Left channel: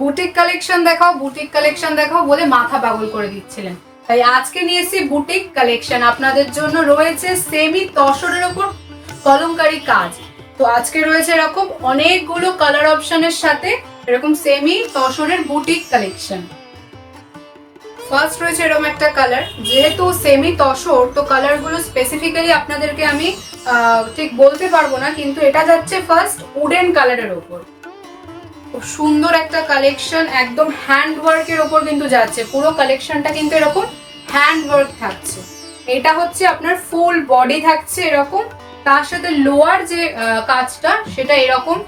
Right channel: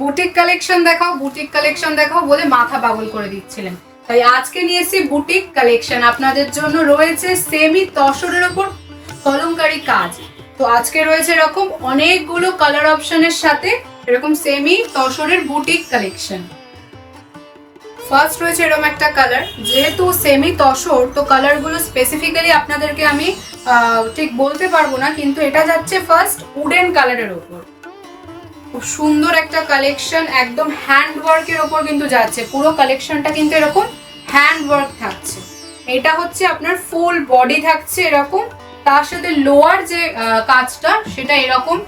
Boutique collection দেখাও, boutique collection দেখাও বলে মাথা পাগল করে দিচ্ছিলেন, তাই আজকে নিয়ে এসেছি বুটিক কালেকশন। আপনাদের জন্য রয়েছে সেমি তসরের ওপর কলমকারী কাজ। তো আজকে রয়েছে এরকম অনেকগুলো কালার অপশনের সাথে এরকম সেমি তসরের বুটিক কালেকশন। ফার্স্ট রয়েছে এরকম একটা কালার, যেহেতু সেমি তসর তো কালারগুলো স্পেসিফিক্যালি আপনাদেরকে আমি ঠিক বলতে পারবো না, কিন্তু এটা যাচ্ছে ফার্স্ট উডেন কালারের ওপর। খুব সুন্দর একটা কালেকশন, একদম হ্যান্ড ওয়ার্কের ওপর কিন্তু যাচ্ছে। পুরো কালেকশনটা কিন্তু এরকম হ্যান্ড ওয়ার্ক থাকছে। এটা হচ্ছে আপনার ফুল বডি থাকছে এরকম, তার সাথে লোয়ার যে কাজটা সেটা এরকম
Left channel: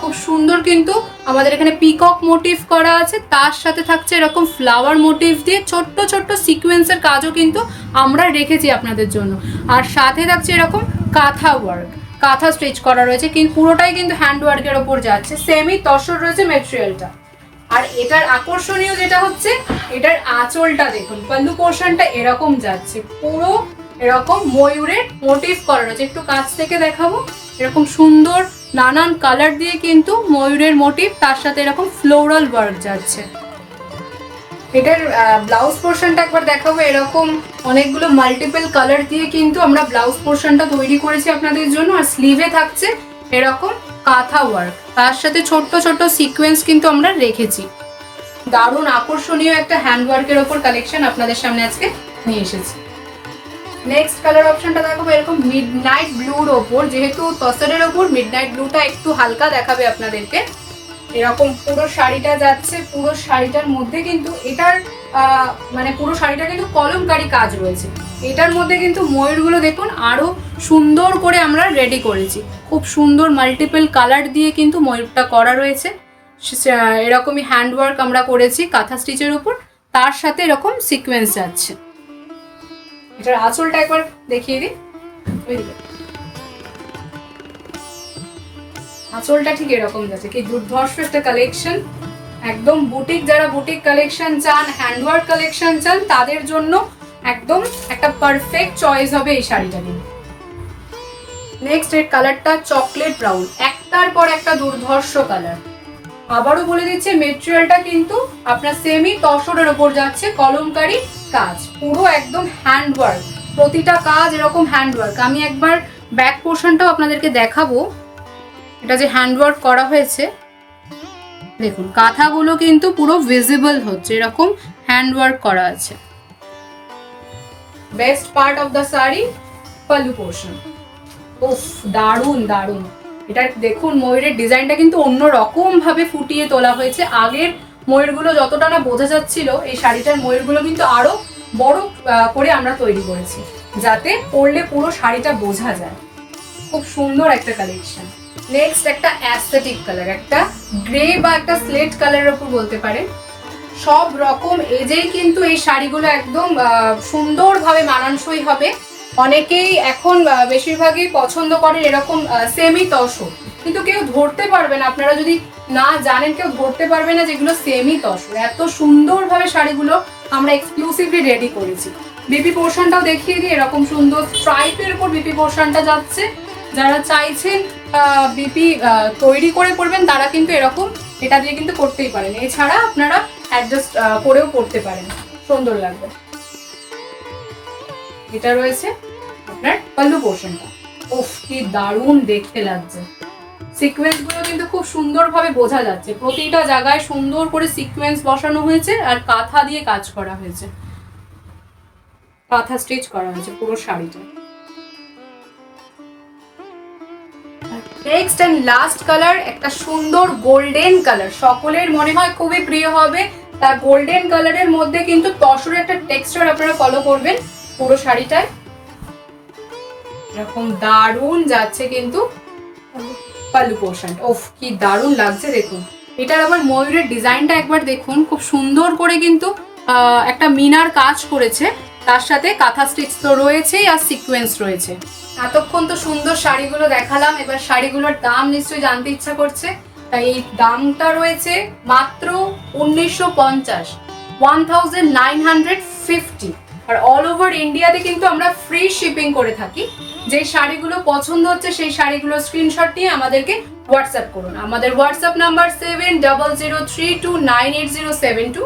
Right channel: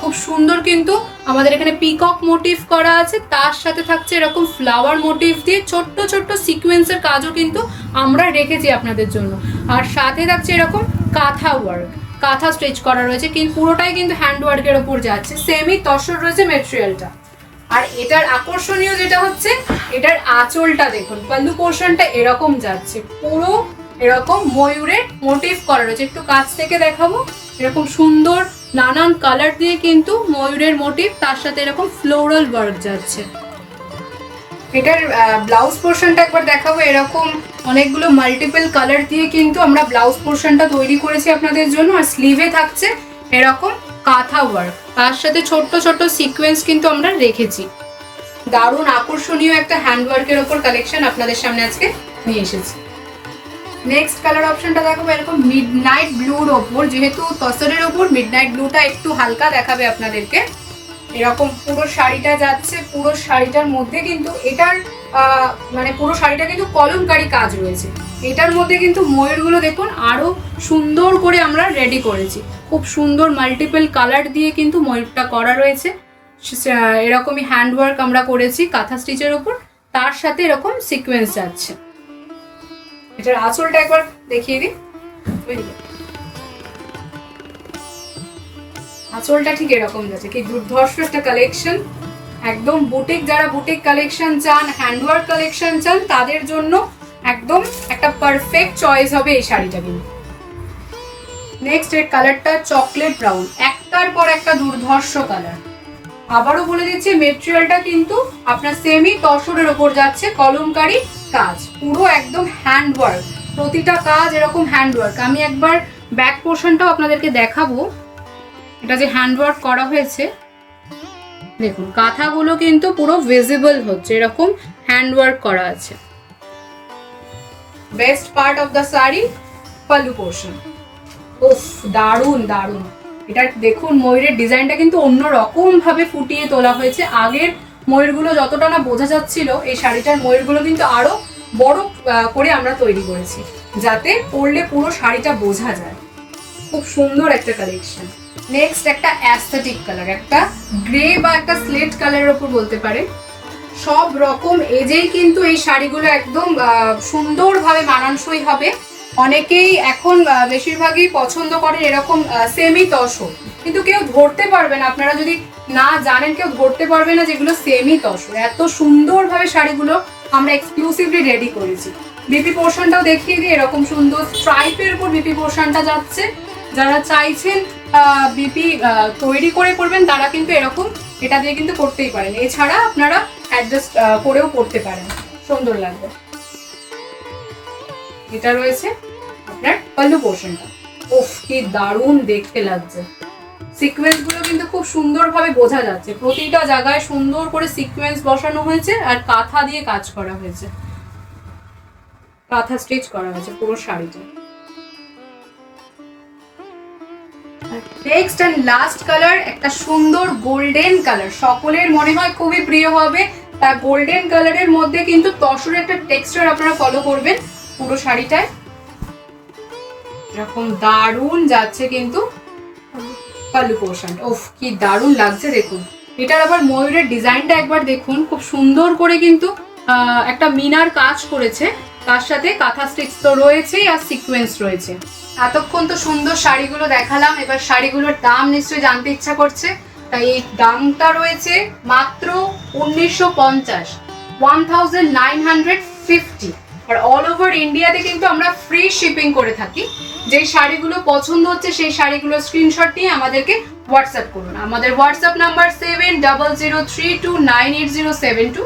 খুব সুন্দর কিন্তু আমাদের এখানে পিকক মোটিভ করা আছে, তার সাথে থাকছে এরকম ফ্লাওয়ার মোটিভ দিয়ে ছোট্ট ছোট্ট সিকোয়েন্সের কাজও কিন্তু আমরা রেখেছি আপনাদের জন্য। আর সাথে থাকছে এরকম কাঁথা ওয়ার্ক, কাঁথা স্টিচ করা রয়েছে, কিন্তু পুরোটাই কিন্তু হ্যান্ড ওয়ার্কের ওপর যাচ্ছে। সেমি তসর রয়েছে মেটেরিয়ালটা। আর এটার আকর্ষণীয় যেটা হচ্ছে এটার আঁচলটা দেখুন, পাল্লু পোর্শনটা এরকম যাচ্ছে, পুরো এরকম ময়ূরের মোটিভ করা রয়েছে। একটু কাছ থেকে দেখাবো, এরকম সুন্দর নানান কালার দিয়ে কিন্তু ময়ূরের মোটিভ, তার সাথে এরকম ফ্লোরাল ওয়ার্ক যাচ্ছে। এটার ব্লাউজ পোর্শনটা একবার দেখাবো, এরকম অনেকগুলো মাল্টিপল কালার দিয়ে কিন্তু আমরা ব্লাউজ পোর্শনটা তৈরি করেছি আপনাদের জন্য। আর স্লিভে থাকছে এরকম কাঁথা ওয়ার্ক, তার সাথে ছোট্ট ছোট্ট সিকোয়েন্স কিন্তু আমরা রেখেছি। দারুণ আকর্ষণীয় একটা হ্যান্ড ওয়ার্কের ওপর কালেকশন আপনাদের সামনে আজকে নিয়ে এসেছি। নেক্সট কালার অপশনটা দেখাবো এরকম মিডনাইট ব্লুর ওপর, যেহেতু তসরের ওপর মিডনাইট ব্লুটা একটু হালকা দেখাবে আপনাদেরকে। এরকম পুরো শাড়িটা যাচ্ছে, পুরো শাড়িটার মধ্যে কিন্তু এটার মানে পুরো শাড়িটা কিন্তু কলমকারী কাজ রয়েছে। এটার মধ্যে কিন্তু ময়ূরগুলো দেখুন আরো সুন্দর করে আমরা রেডি করেছি। খুব সুন্দর মাল্টিপল কালার দিয়ে কিন্তু ময়ূরটা করা রয়েছে। এরকমই হ্যান্ড ওয়ার্ক আমরা করেছি কাঁথা স্টিচের উপর, তার সাথে এরকম সিকোয়েন্স যাচ্ছে। এটার আঁচলটা একবার দেখিয়ে দিই, আঁচলটা ঠিক এরকম যাচ্ছে। কি দুর্ধর্ষ একটা কালেকশন, একদম বুটিক, যারা বুটিক কালেকশন চান, হ্যান্ডওয়ার্ক কালেকশন চান, তাদের জন্য একদম একটা পারফেক্ট চয়েস হবে এই শাড়িটা। কিন্তু নেক্সট এর কালারটা চকলেট ব্রাউন, একটার পর একটা দুর্ধর্ষ কালার। আবারও বলে দিচ্ছি মেটেরিয়ালটা কিন্তু আপনার সেমি তসরের ওপর যাচ্ছে, কলমকারী কাজ, পুরো একদম হ্যান্ডওয়ার্ক, প্রতিটা কাজ এরকম হ্যান্ডওয়ার্ক। আমি একবার ব্যাক পোর্শনটাও আপনাদেরকে দেখাবো, এটা যে হ্যান্ডওয়ার্ক করা হয়েছে দেখুন, কাঁথাগুলো কিন্তু পুরো ভিজিবল হচ্ছে, এরকম হ্যান্ডওয়ার্ক করা আছে। Best part of the sari pallu portion, উফ দারুণ দারুণ। এটা দেখুন ময়ূরের ডিজাইনটা কিন্তু অন্য রকম ভাবে ফুটিয়ে তোলা হয়েছে। আগের ময়ূরগুলো যতটা না বোঝা যাচ্ছিল, এই শাড়িটার ময়ূরগুলো কিন্তু আরো বড় করে আমরা তৈরি করেছি, যাতে পরলে পুরো শাড়িটা বোঝা যায়। খুব সুন্দর একটা কালেকশন। নেক্সট একটা অ্যাস্থেটিক কালার, একটা গ্রে বা একটা স্লেট কালারের উপর বলতে পারেন। সব রকম এজেই কিন্তু এই শাড়িগুলো একদম সুন্দরভাবে মানানসই হবে। অনেকেই এখন বেশিরভাগই পছন্দ করেন এরকম সেমি তসর, কিন্তু কেউ ধরতে পারবে না, আপনারা যদি না জানেন কেউ ধরতে পারবে না যেগুলো সেমি তসর। এত সুন্দরভাবে শাড়িগুলো আমরা এক্সক্লুসিভলি রেডি করেছি। বিপি পোর্শনটাও দেখিয়ে দিই, এরকম সুন্দর স্ট্রাইপের উপর বিপি পোর্শনটা যাচ্ছে। যারা চাইছেন বিপি তৈরি করে পরবেন তারা কিন্তু এরকম এটা দিয়ে কিন্তু করতেই পারেন, এছাড়া আপনারা অ্যাডজাস্ট করেও পরতে পারেন, সুন্দর লাগবে। এটা রয়েছে আপনার পাল্লু পোর্শনটা, উফ কি দারুণ দেখতে লাগছে। সিকোয়েন্স গুলো কিন্তু খুব সুন্দরভাবে বোঝা যাচ্ছে, প্রতিটা জায়গায় সুন্দর করে সিকোয়েন্স বসানো হয়েছে আর কাঁথা দিয়ে কাজ করা হয়েছে, কাঁথা স্টিচ করা হয়েছে পুরো শাড়িটা। নেক্সট এন্ড লাস্ট কালার একটা সুন্দর গোল্ডেন কালার, সকলের মনে হয় খুবই প্রিয় হবে। তার গোল্ডেন কালারের মধ্যে কিন্তু তসরের একটা টেক্সচার আপনারা ফলো করবেন পুরো শাড়িটায়, এরকম দারুণ যাচ্ছে কিন্তু পাল্লু পোর্শন। ওফ কি দারুণ লাগছে দেখুন। এটার আবার ময়ূরের ডিজাইনটা একবার দেখুন, খুব সুন্দর করে কিন্তু একটা মিনার কাজ করেছে, তার সাথে কাঁথা স্টিচ তো রয়েছে আর সিকোয়েন্স রয়েছে। এতক্ষণ তো সুন্দর শাড়িগুলো দেখালাম, এবার শাড়িগুলোর দাম নিশ্চয়ই জানতে ইচ্ছা করছে, তাই এই দামটা রয়েছে মাত্র 1950, 1950। আর অল ওভার ইন্ডিয়াতে কিন্তু আমরা ফ্রি শিপিং করে থাকি। যে শাড়িগুলো পছন্দ হচ্ছে সেই শাড়িগুলোর স্ক্রিনশট নিয়ে আমাদেরকে হোয়াটসঅ্যাপ করুন। আমাদের হোয়াটসঅ্যাপ নাম্বার 7003298072।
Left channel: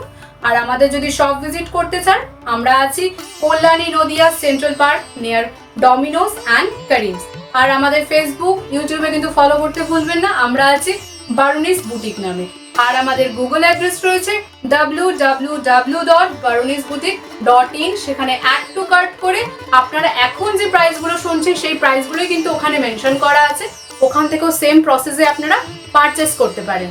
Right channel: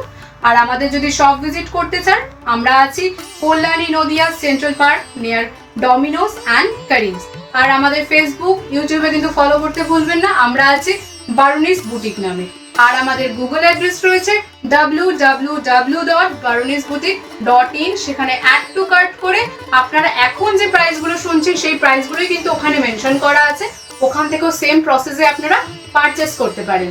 আর আমাদের যদি শপ ভিজিট করতে চান, আমরা আছি Kalyani Nadia central park near Domino's and Karims. আর আমাদের ফেসবুক ইউটিউবে কিন্তু ফলো করতে ভুলবেন না, আমরা আছি বারুনিস বুটিক নামে। আর আমাদের গুগল অ্যাড্রেস রয়েছে www.baronisboutique.in। সেখানে অ্যাড টু কার্ট করে আপনারা এখন যে প্রাইসগুলো শুনছেন সেই প্রাইসগুলোই কিন্তু ওখানে মেনশন করা আছে, ওখান থেকেও সেম প্রসেসে আপনারা পারচেস করতে পারেন।